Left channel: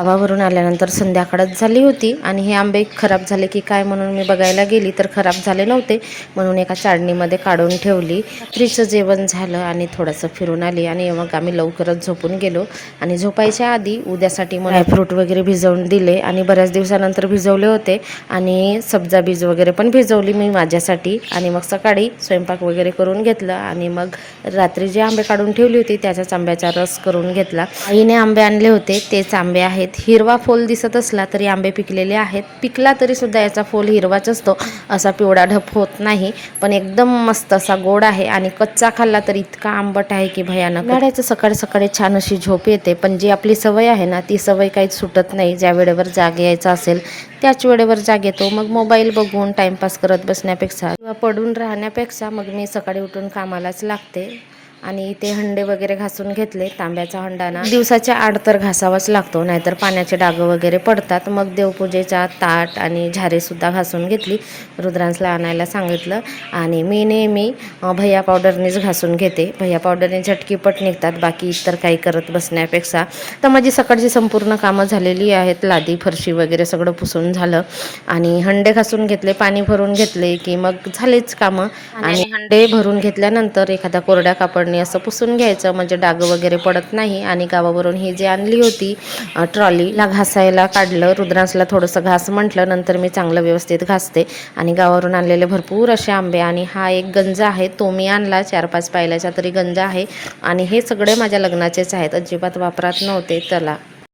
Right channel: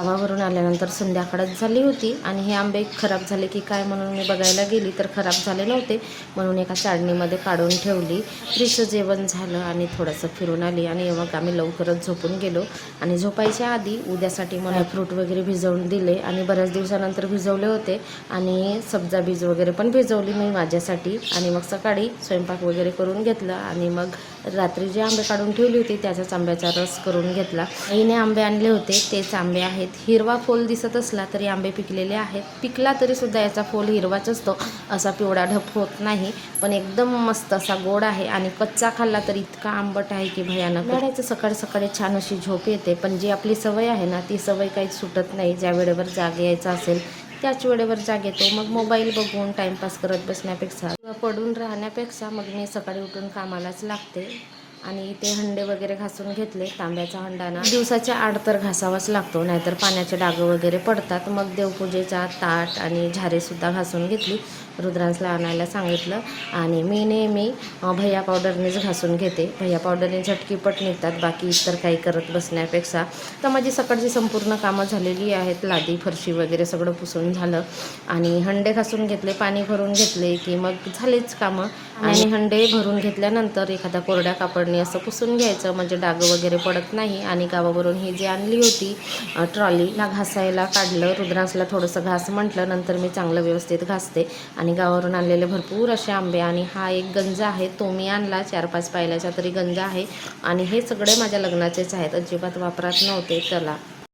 गावावरून आल्यानंतर संध्याकाळच झाली होती आणि हे आंबे खराब झाले की काय म्हणून मी बघायला गेली तर खराब झाले नव्हते, म्हणून एका चाळणीमध्ये काढून ठेवली. रात्रीचं जेवण झालं आणि थोडंसं फिरून आली आणि मग आम्ही लवकरच झोपून गेलो. आणि झोपायच्या आधी उद्यासाठी मला ड्रायफ्रूट वगैरे भिजवून दिले आणि बऱ्याच दिवसानंतर भिजवले होते आणि सब्जा बीज वगैरे पण भिजवली मी माझ्यासाठी. आणि मग सकाळी स्वयंपाक वगैरे करून घेतलं आणि मग रात्री जे आंबे काढून ठेवली होती त्याचाच आंब्याचा रस करून घेतला. आईने आंबे आणले होते तेच आंबे आहेत. हिरवा फोल दिसत असला तरी आंबे पिकलेले आहेत. पिकला तरी सुद्धा याचा फोल हिरवाच असतो, असा पिवळा ढप होत नाही. पण एकदम मस्त असा गोड आहे आणि कच्चा खाल्ला तर इतका आंबट आहे की भयानक. उन्हाळ्याचं सकाळी सकाळी छान अशी झोप येते, पण जी आपली सवय आहे ना ती सवय काहीच सुटत नाही. ज्या वेळेवर जाग यायचं असेल त्याच वेळेवर जाग येतो. मग मोबाईल बघून टाईमपास करत बसण्यापेक्षा किंवा पडून राहण्यापेक्षा मग मी सकाळी उठून कामालाच लागते. आणि ते हंडे वगैरे घासून घेतले. तांब्याचा हंडा ना दिवसाच्या आड तर घासावाच लागतो, नाहीतर पाण्याचे डाग वगैरे पडतात. मग देवपूजेचा ताट आणि झारेसुद्धा घासून घेतली. रुद्रांसला आणायला सांगितलं आणि मी नेहमी भैया पावडरनेच घासून घेते. भैया पावडरने झटकीपट निघतात, बाकी इतर काही करत बसण्यापेक्षा. तर माझी सकाळची संपूर्ण कामं झालेली आहेत. लादी फरशी वगैरे सगळं पुसून झालं आणि हंडे घासून घेतले, पाणी भरून घेतले की मग झालेच कामं. आणि हंडे भरून घेतल्यानंतर एखाद्या कोरड्या कापडने असं पुसून घ्यायचं, म्हणजे डाग वगैरे पडत नाही. आणि गावावरून ही जी आणली होती ट्रॉलीला घासायला काढलं. रुद्रांसला थोडंसं घास म्हटलं, नंतर मी चांगलं व्यवस्थित घासते. आणि गावावरून आणलेले भरपूर असे आंबे आणि हा एक गंज आहे, तो मी आणला 4-5 पायल्याचा तरी गंज आहे. आणि हे सगळे माझ्या लग्नाचेच आहेत, अजिबात वापरात नव्हते. त्याला